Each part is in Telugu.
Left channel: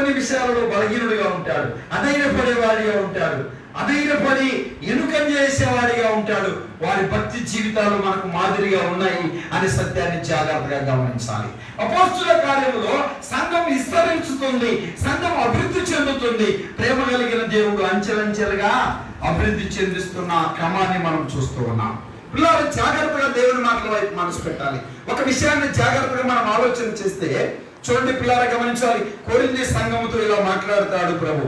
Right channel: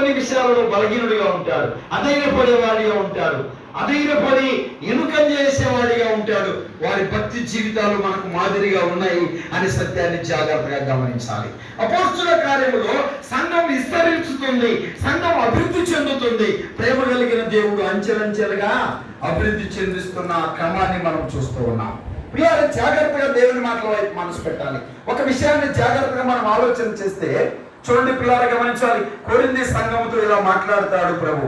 కొన్ని విషయాలలో బలహీనుడిగా ఉంటాడు, అధైర్యపడేవాడిగా ఉంటాడు, అధైర్యపడి ఎనుకం చేసేవాడిగా ఉంటాడు. వారి భక్తి జీవితాలు మనకు మాదిరిగా ఉన్నాయి అనే సత్యాన్ని జాగ్రత్తగా గమనించాలి. అపోస్తుల కార్యములో సంఘం విస్తరించుతుంది, సంఘం అభివృద్ధి చెందుతుంది. ప్రేమ కలిగిన దేవుడు అంచెలంచెలుగా అభివృద్ధి చెందిస్తున్న క్రమాన్ని మనం చూస్తూ ఉన్నాం. పిల్లలు జాగ్రత్తగా దేవుని మాటల వైపు మనసు పెట్టాలి. ఒక విషయాన్ని జాగ్రత్తగా మనం ఆలోచన చేస్తే చూడండి పిల్లలు గమనించాలి. కొరింథీ సంఘముతో ఇలా మాట్లాడతాడు ప్రభు.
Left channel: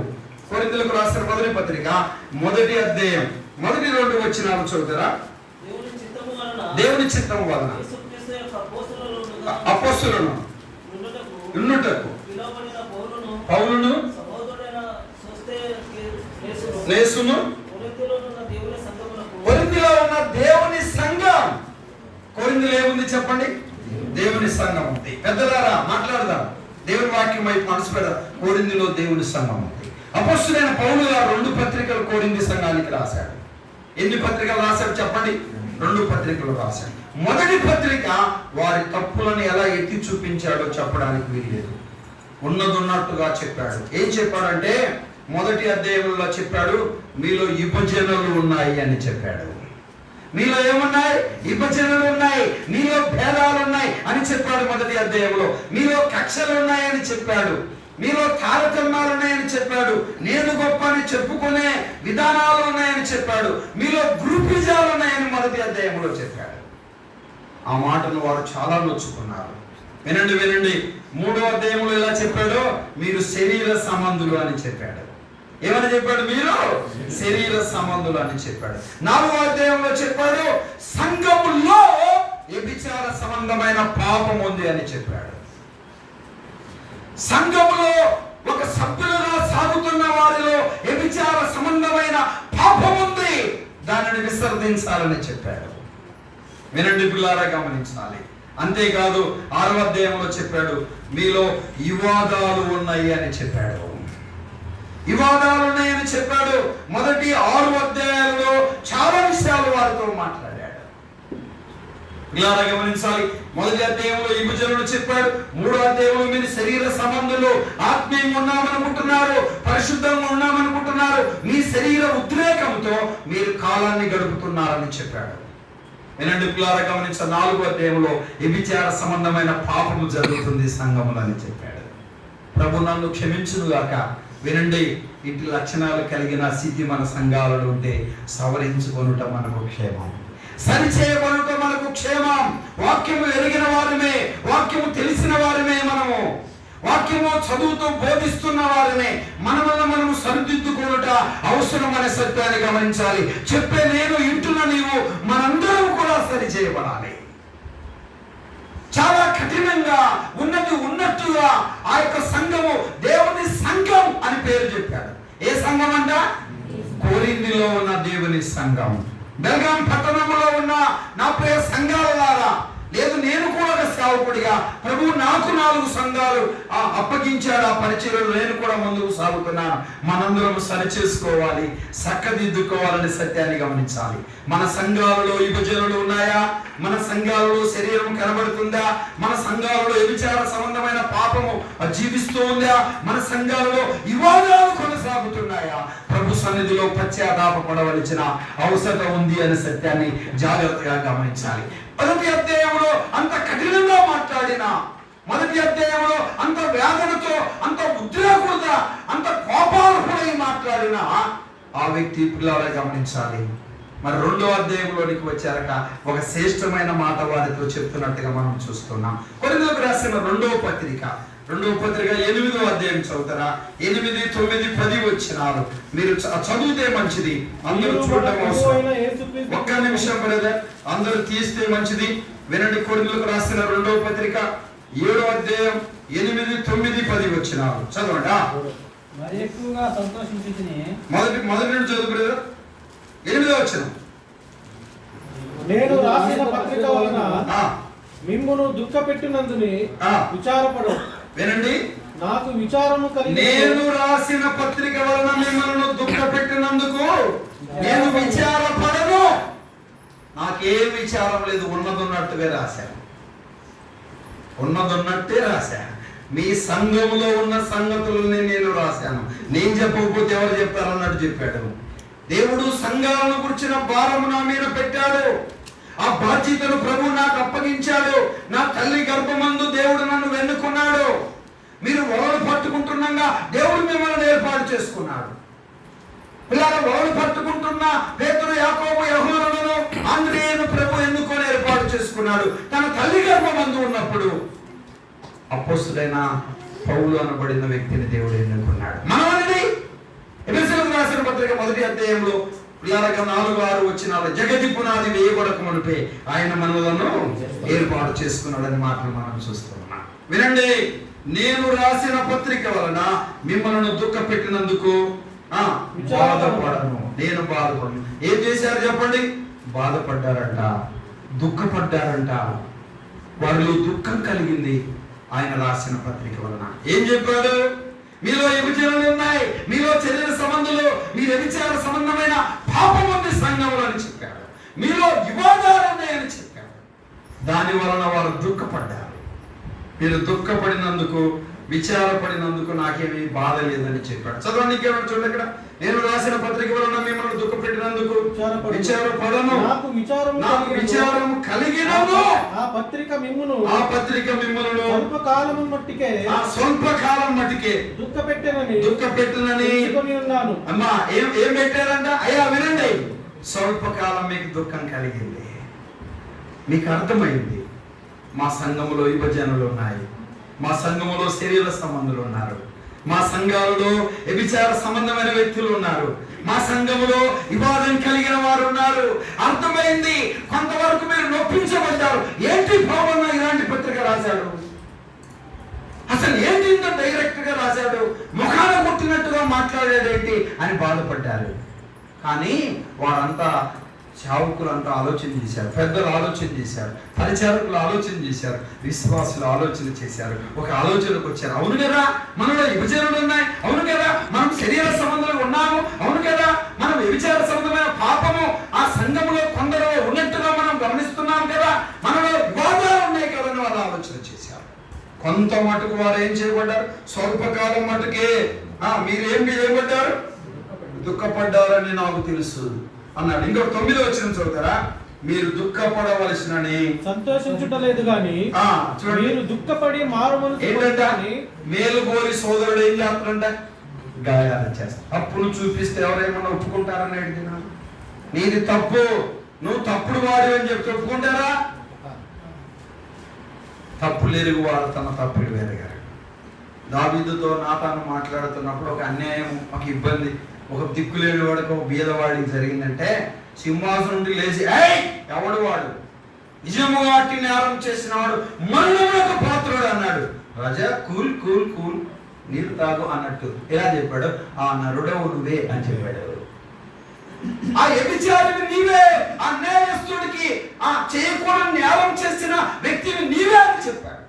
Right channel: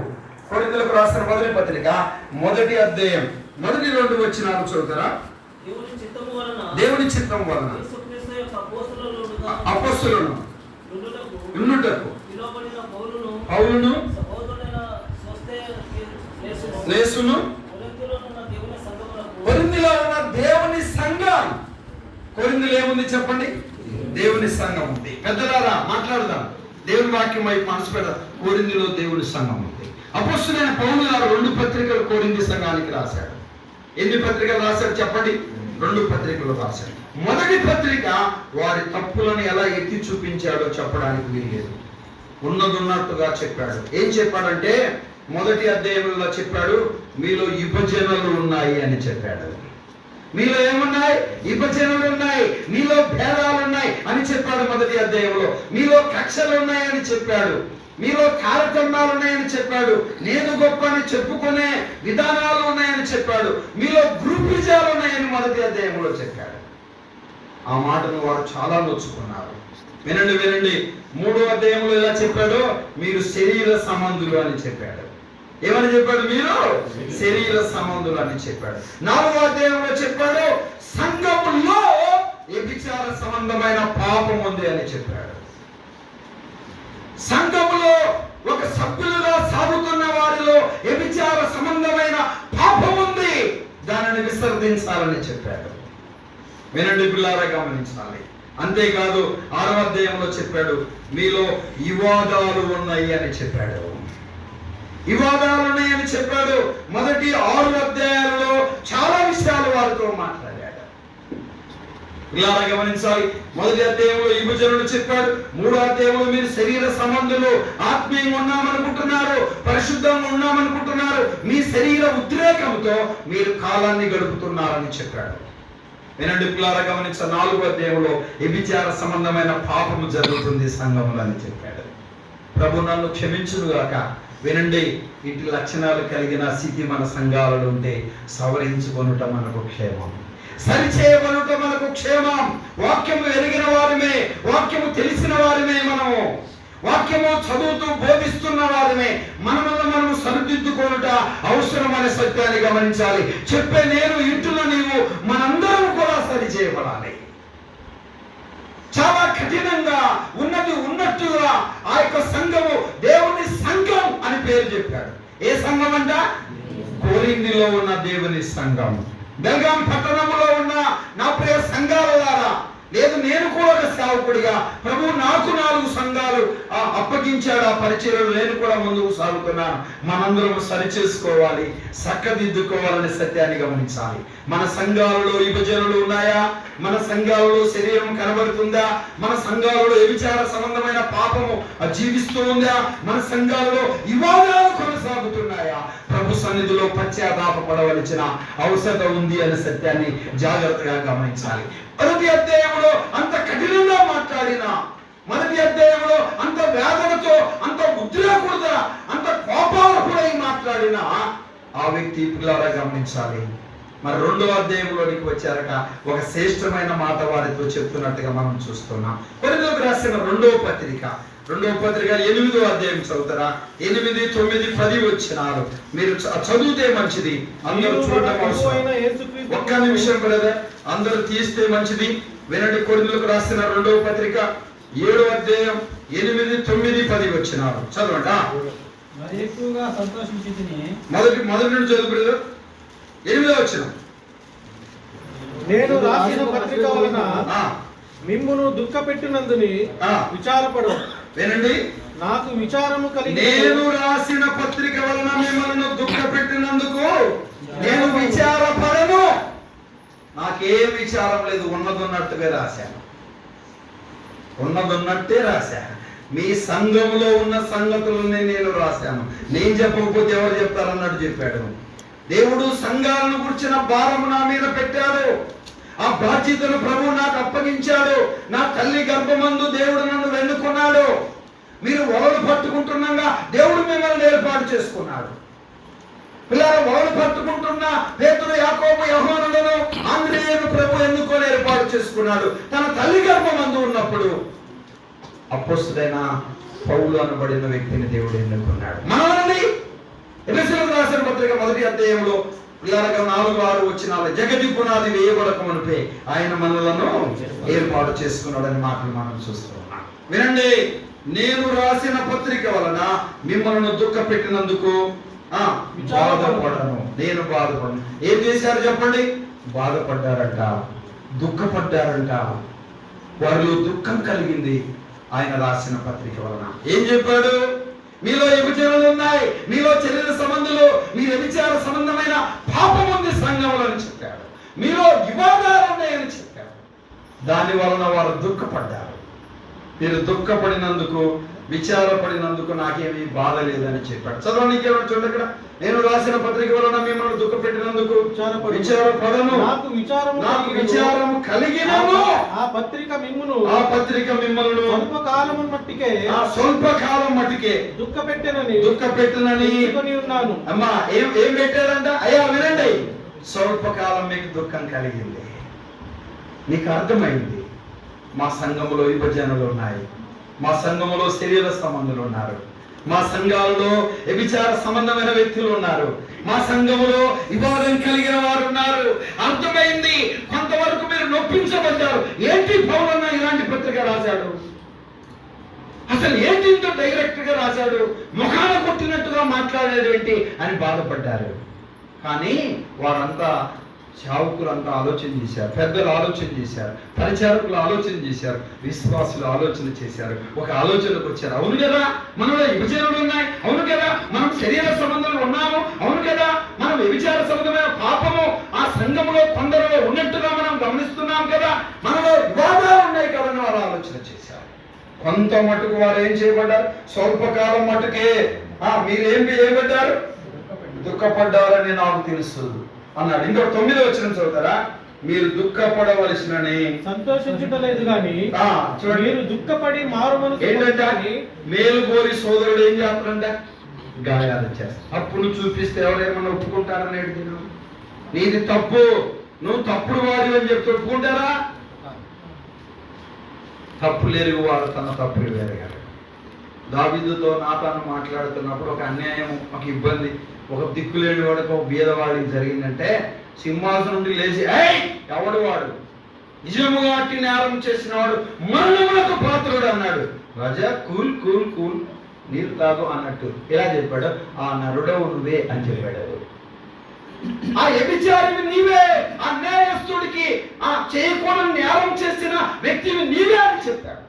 కొరింథీయులకు రాసిన మొదటి పత్రిక 1వ అధ్యాయం 1-2 వచనాలు చదువుతారా? దేవుని చిత్తము వలన అపోస్తలులను ఉండుటకు పౌలును నేసును కొరింథీలో ఉన్న దేవుని సంఘం. కొరింథీలో ఏముంది చెప్పండి? దేవుని సంఘం ఉంది. పెద్దలారా మాట్లాడదాం, దేవుని వాక్యం వైపు మనసు పెడదాం. కొరింథీలో దేవుని సంఘం ఉంది. అపోస్తలుడైన పౌలు గారు 2 పత్రికలు కొరింథీ సంఘానికి రాశాడు. ఎన్ని పత్రికలు రాశాడు చెప్పండి? 2 పత్రికలు రాశాడు. మొదటి పత్రిక వారి తప్పులను ఎలా ఎత్తి చూపించాడో చెప్పడానికి వీల్లేదు. ఉన్నట్టుగా చెప్పాడు. ఏం చెప్పాడంటే మొదటి అధ్యాయంలో చెప్పాడు, మీలో విభజనలు ఉన్నాయి అని చెప్పాడు. మీలో ఏమున్నాయి? విభజనలు ఉన్నాయి, మీలో భేదాలు ఉన్నాయి అని చెప్పాడు మొదటి అధ్యాయంలో. మీలో కక్షలు ఉన్నాయని చెప్పాడు, మీలో తారతమ్యాలు ఉన్నాయని చెప్పాడు, నేను గొప్ప అని చెప్పుకునే విధానాలు ఉన్నాయని చెప్పాడు, మీలో గ్రూపిజాలు ఉన్నాయని మొదటి అధ్యాయంలో చెప్పాడు. ఆ మాటను వారు చాలా నొచ్చుకున్నారు. వినండి వినండి, 3వ అధ్యాయంలో ఇలా చెప్పాడు, మీరు శరీర సంబంధులు అని చెప్పాడు. ఏమని చెప్పాడు? మీరు శరీర సంబంధులు అని చెప్పాడు. 4వ అధ్యాయంలో చెప్పాడు, సంఘములో వ్యభిచార సంబంధమైన పాపం ఉంది అని చెప్పాడు. సంఘములో ఒక సభ్యులుగా సాగుతున్న వారిలో వ్యభిచార సంబంధమైన పాపం ఉంది, దానిని విసర్జించాలని చెప్పాడు. వినండి పిల్లారా గమనించాలి. అంతేకాదు 6వ అధ్యాయంలో చెప్పాడు, మీలో వివాదాలు ఉన్నాయి అని చెప్పాడు. వివాదాలు ఉన్నాయని చెప్పాడు. మొదటి 6 అధ్యాయాలలో చాలా విషయాలు వారితో మాట్లాడాడు. ఇలా గమనించాలి. మొదటి అధ్యాయంలో విభజనలు చెప్పాడు. 3వ అధ్యాయంలో మీరు శరీర సంబంధులు, ఆత్మీయంగా ఉన్నామనుకుంటున్నారు, పరిశుద్ధంగా ఉన్నామనుకుంటున్నారు, మీ శరీర ఉద్రేకంతో మీరు కాలాన్ని గడుపుతున్నారని చెప్పాడు. వినండి పిల్లారా గమనించాలి. 4వ అధ్యాయంలో వ్యభిచార సంబంధమైన పాపము జరుగుతుంది సంఘములని చెప్పాడు. ప్రభు నన్ను క్షమించుగాక. వినండి, ఇటు లక్షణాలు కలిగిన స్థితి మన సంఘాలలో ఉంటే సవరించుకొనుట మనకు క్షేమం, సరిచేయబడుట మనకు క్షేమం. వాక్యము ఎరిగిన వారిమే, వాక్యము తెలిసిన వారిమే, మనము వాక్యము చదువుతూ బోధిస్తున్న వారిమే మనమల్ని మనము సరిదిద్దుకొనుట అవసరం అనే సత్యాన్ని గమనించాలి. చెప్పే నేను, ఇంటున్న నీవు, మనందరం కూడా సరిచేయబడాలి. చాలా కఠినంగా ఉన్నది ఉన్నట్టుగా ఆ యొక్క సంఘము దేవుని సంఘం అని పేరు చెప్పాడు. ఏ సంఘం అంట? కొరింథీలో ఉన్న దేవుని సంఘం. బెల్గాం పట్టణంలో ఉన్న నా ప్రియ సంఘాలలారా, లేదు నేను కూడా ఒక సేవకుడిగా ప్రభు నాకు 4 సంఘాలు అప్పగించాడు. ఆ పరిచర్యలు నేను కూడా ముందుకు సాగుతున్నాను. మనందరం సరిచేసుకోవాలి, చక్కదిద్దుకోవాలనే సత్యాన్ని గమనించాలి. మన సంఘాలలో విభజనలు ఉన్నాయా? మన సంఘాలలో శరీరం కనబడుతుందా? మన సంఘాలలో వ్యభిచార సంబంధమైన పాపము జీవిస్తూ ఉందా? మన సంఘాలలో వివాదాలు కొనసాగుతున్నాయా? ప్రభు సన్నిధిలో పశ్చాత్తాపపడవలసిన అవసరం ఉంది అనే సత్యాన్ని జాగ్రత్తగా గమనించాలి. మొదటి అధ్యాయంలో అంత కఠినంగా మాట్లాడిన, మొదటి అధ్యాయంలో అంత వేదనతో, అంత ఉద్రేకుడుగా, అంత కోపాలపై మాట్లాడిన ఆ వ్యక్తి పిల్లలా గమనించాలి. మరి 2వ అధ్యాయంలోనికి వచ్చారక ఒక శ్రేష్టమైన మాట వారితో చెప్తున్నట్టుగా మనం చూస్తున్నాం. కొరింథీయులకు రాసిన 2వ పత్రిక 8వ అధ్యాయం చదువుతారా? 8, 9, 10 వచనాలు మీరు చదివితే మంచిది. అందరూ చూడటం అవసరం. ఒక్క నిమిషం బ్రదర్, అందరూ తీస్తే మంచిది. వినండి, కొరింథీయులకు రాసిన 2వ పత్రిక 7వ అధ్యాయం 8, 9, 10 వచనాలు చదవండి. మొదటి నుండి చదువు బ్రదర్. 8వ వచనం. నేను రాసిన పత్రిక వలన మిమ్మును దుఃఖపెట్టినందుని విచారపడు. వినండి, నాకు విచారము కలిగి, నేను రాసిన పత్రిక వలన మిమ్మల్ని దుఃఖపెట్టినందుకు నేను విచారపడను. నాకేం విచారం లేదు, ఉన్నదన్నట్టుగా రాశాను, ఉన్నదన్నట్టే రాశాను. మీ సంఘములో ఉన్న సంగతులని నేను రాశాను. నేను చెప్పకపోతే ఎవరు చెప్తారన్నట్టు చెప్పాడు. దేవుడు సంఘాలను గురించిన భారము నా మీద పెట్టాడు. ఆ బాధ్యతను ప్రభువు నాకు అప్పగించాడు. నా తల్లి గర్భమందు దేవుడు నన్ను వెన్నుకున్నాడు. మీరు వలలు పట్టుకుంటున్నాగా దేవుడు మిమ్మల్ని ఏర్పాటు చేసుకున్నాడు. పిల్లలు వలలు పట్టుకుంటున్న పేతురు, యాకోబు, యోహానులను, అంద్రియేను ప్రభు ఎన్నుకొని ఏర్పాటు చేసుకున్నాడు. తన తల్లి గర్భమందు ఉన్నప్పుడు అపోస్తలుడైన పౌలు అనబడిన వ్యక్తిని దేవుడు ఎన్నుకున్నాడు. మనల్ని ఎఫెసీయులకు రాసిన పత్రిక 1వ అధ్యాయంలో 4-6 వచనాలు, జగతి పునాది వేయబడక మునిపే ఆయన మనలను ఏర్పాటు చేసుకున్నాడని మాటలు మనం చూస్తున్నాం. వినండి, నేను రాసిన పత్రిక వలన మిమ్మల్ని దుఃఖ పెట్టినందుకు బాధపడను. నేను బాధపడను. ఏం చేశారు చెప్పండి? బాధపడ్డారంట, దుఃఖపడ్డారంట. వారిలో దుఃఖం కలిగింది ఆయన రాసిన పత్రిక వలన. ఏం చెప్పాడు? మీలో విభజనలు ఉన్నాయి, మీలో శరీర సంబంధాలు, మీ వ్యభిచార సంబంధమైన పాపం ఉంది సంఘములో అని చెప్పాడు. మీలో వివాదాలు ఉన్నాయని చెప్పాడు. దాని వలన వారు దుఃఖపడ్డారు. మీరు దుఃఖపడినందుకు, విచారపడినందుకు నాకేమీ బాధ లేదని చెప్పాడు. చదవండి, చూడండి ఇక్కడ. నేను రాసిన పత్రిక వలన మిమ్మల్ని దుఃఖ పెట్టినందుకు విచారపడను, నాకు విచారము కలిగినను. ఆ పత్రిక మిమ్మును స్వల్పకాలం మట్టికే దుఃఖ పెట్టనని ఉన్నాను. అమ్మా, ఏం పెట్టారంట? అయ్యా వినండి, స్వల్పకాలం మీకు దుఃఖం కలిగింది. మీకు అర్థమైంది, మా సంఘములో విభజనలు ఉన్నాయి, మా సంఘములో శరీర సంబంధులు ఉన్నారు, మా సంఘాలలో వ్యభిచార సంబంధమైన వ్యక్తులు ఉన్నారు, మా సంఘములో వివాదం కలిగిన వారు ఉన్నారు. అర్థమైంది, కొంతవరకు మీరు నొప్పించబడ్డారు. ఏంటి పౌలు ఇలాంటి పత్రిక రాశాడు? అసలు ఏంటి ఇంత డైరెక్ట్ గా రాశాడు? ముఖాన కొట్టినట్టుగా మాట్లాడేదేంటి అని బాధపడ్డారు. కానీ వారంతా, సేవకులంతా ఆలోచన చేశారు, పెద్దలు ఆలోచన చేశారు, పరిచారకులు ఆలోచన చేశారు, విశ్వాసులు ఆలోచన చేశారు. ఒక ఆలోచనకు వచ్చారు. అవును కదా, మనలో విభజనలు ఉన్నాయి, అవును కదా, మనం శరీర సంబంధాలు ఉన్నాము, అవును కదా, మనం వ్యభిచార సంబంధమైన పాపము ఆ సంఘంలో కొందరు ఉన్నట్టుగా మనం గమనిస్తున్నాం కదా, మనలో వివాదాలు ఉన్నాయి కదా అని వారు ఆలోచన చేశారు. కొంత మటుకు వారు ఏం చేయబడ్డారు? స్వల్పకాలం మటుకే మీరేం చేయబడ్డారు? దుఃఖపడ్డారని నాకు తెలుసు అన్నాడు. ఇంకో 9వ వచనం చదువుతారా? మీరు దుఃఖపడవలసినని సంతోషించుటలేదు గాని మీరు దుఃఖపడి మారుమనసు ఏంటంటే మేలు కోరి సోదరుడు ఏం చేస్తాడంట? గాయాలు చేస్తాడు. అప్పుడు చూపిస్తే ఎవరేమన్నా ఒప్పుకుంటారని అడిగినా, నీది తప్పు, నువ్వు తప్పుడు వాడు అని చెప్పి ఒప్పుకుంటారా? తప్పులు ఎరుగు వాడు తన తప్పులు ఎరగారు. దావీదుతో నాతాను మాట్లాడుతున్నప్పుడు ఒక అన్యాయం, ఒక ఇబ్బంది, ఒక దిక్కులేని వాడికి, ఒక బీదవాడికి జరిగిందంటే సింహాసనం నుండి లేచి, ఎవడు వాడు? నిజముగా అట్టి నేరం చేసిన వాడు మరణములకు పాత్రుడు అన్నాడు. రాజా కూల్ కూల్ కూల్, నీరు తాగు అన్నట్టు ఎలా చెప్పాడు? ఆ నరుడవు నువ్వే అని చెప్పాడు. ఆ వ్యభిచారిని నీవే, ఆ నేరస్తుడికి, ఆ చేయకూడని నేరం చేసిన వ్యక్తిని నీవే అని చెప్పాడు.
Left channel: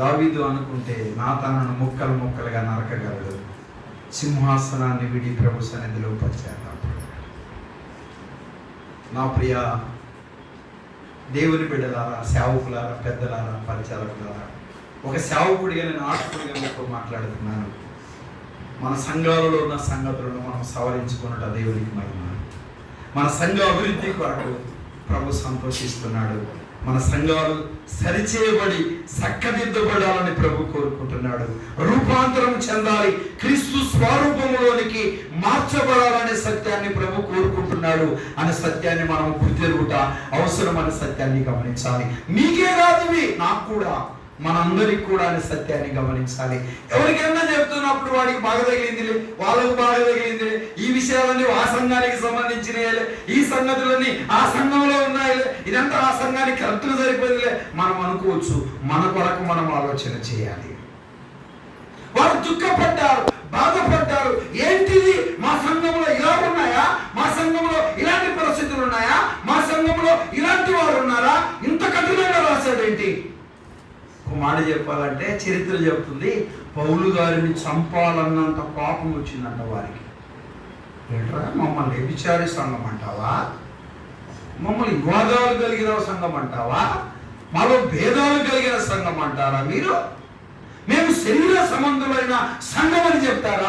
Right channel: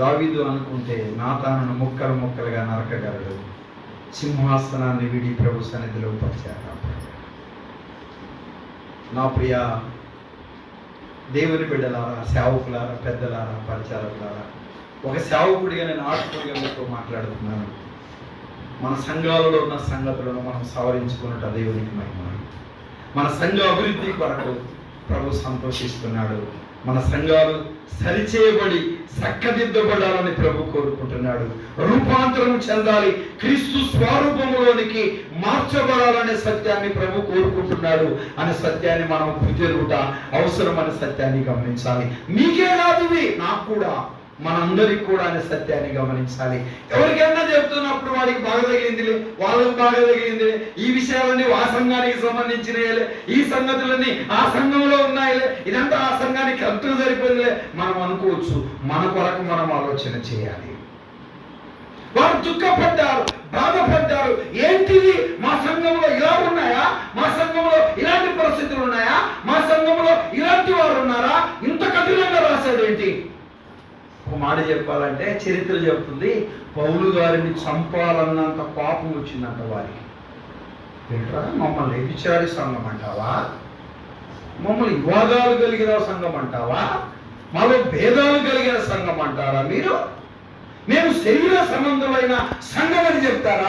దావీదు అనుకుంటే నాతాను ముక్కలు ముక్కలుగా నరకగలడు. సింహాసనాన్ని విడి ప్రభు సన్నిధిలో పరిచారు. నా ప్రియ దేవుని బిడ్డలారా, సేవకులారా, పెద్దలారా, పరిచారకులారా, ఒక సేవకుడిగా నేను ఆత్మీయంగా మీతో మాట్లాడుతున్నాను. మన సంఘాలలో ఉన్న సంగతులను మనం సవరించుకున్నట్టు దేవునికి మహిమ. మన సంఘ అభివృద్ధి కొరకు ప్రభు సంతోషిస్తున్నాడు. మన సంఘాలు సరిచేయబడి చక్కదిద్దబడాలని ప్రభు కోరుకుంటున్నాడు. రూపాంతరం చెందాలి, క్రీస్తు స్వరూపంలోనికి మార్చబడాలనే సత్యాన్ని ప్రభు కోరుకుంటున్నాడు. అనే సత్యాన్ని మనం గుర్తెరుగుట అవసరం అనే సత్యాన్ని గమనించాలి. మీకే కాదు, నాకు కూడా, మనందరికి కూడా అనే సత్యాన్ని గమనించాలి. ఎవరికైనా చెప్తున్నప్పుడు వాడికి బాగా తగిలిందిలే, వాళ్ళకి బాగా తగిలిందిలే, ఈ విషయాలన్నీ ఆ సంఘానికి సంబంధించినలే, ఈ సంగతులన్నీ ఆ సంఘంలో ఉన్నాయిలే, ఇదంతా ఆ సంఘానికి కరెక్ట్గా సరిపోయిందిలే మనం అనుకోవచ్చు. మన కొరకు మనం ఆలోచన చేయాలి. వారు దుఃఖపడ్డారు, బాధపడ్డారు. ఏంటిది? మా సంఘంలో ఇలా ఉన్నాయా? మా సంఘంలో ఇలాంటి పరిస్థితులు ఉన్నాయా? మా సంఘంలో ఇలాంటి వారు ఉన్నారా? ఇంత కఠినంగా రాశాడేంటి? ఒక మాట చెప్పాలంటే చరిత్ర చెప్తుంది, పౌలు గారిని చంపాలన్నంత పాపం వచ్చిందంట వారికి. ఏంట్రా, మమ్మల్ని వ్యభిచారి సంఘం అంటావా? మమ్మల్ని వివాదాలు కలిగిన సంఘం అంటావా? మాలో భేదాలు కలిగిన సంఘం అంటారా మీరు? మేము శరీర సంబంధులైన సంఘం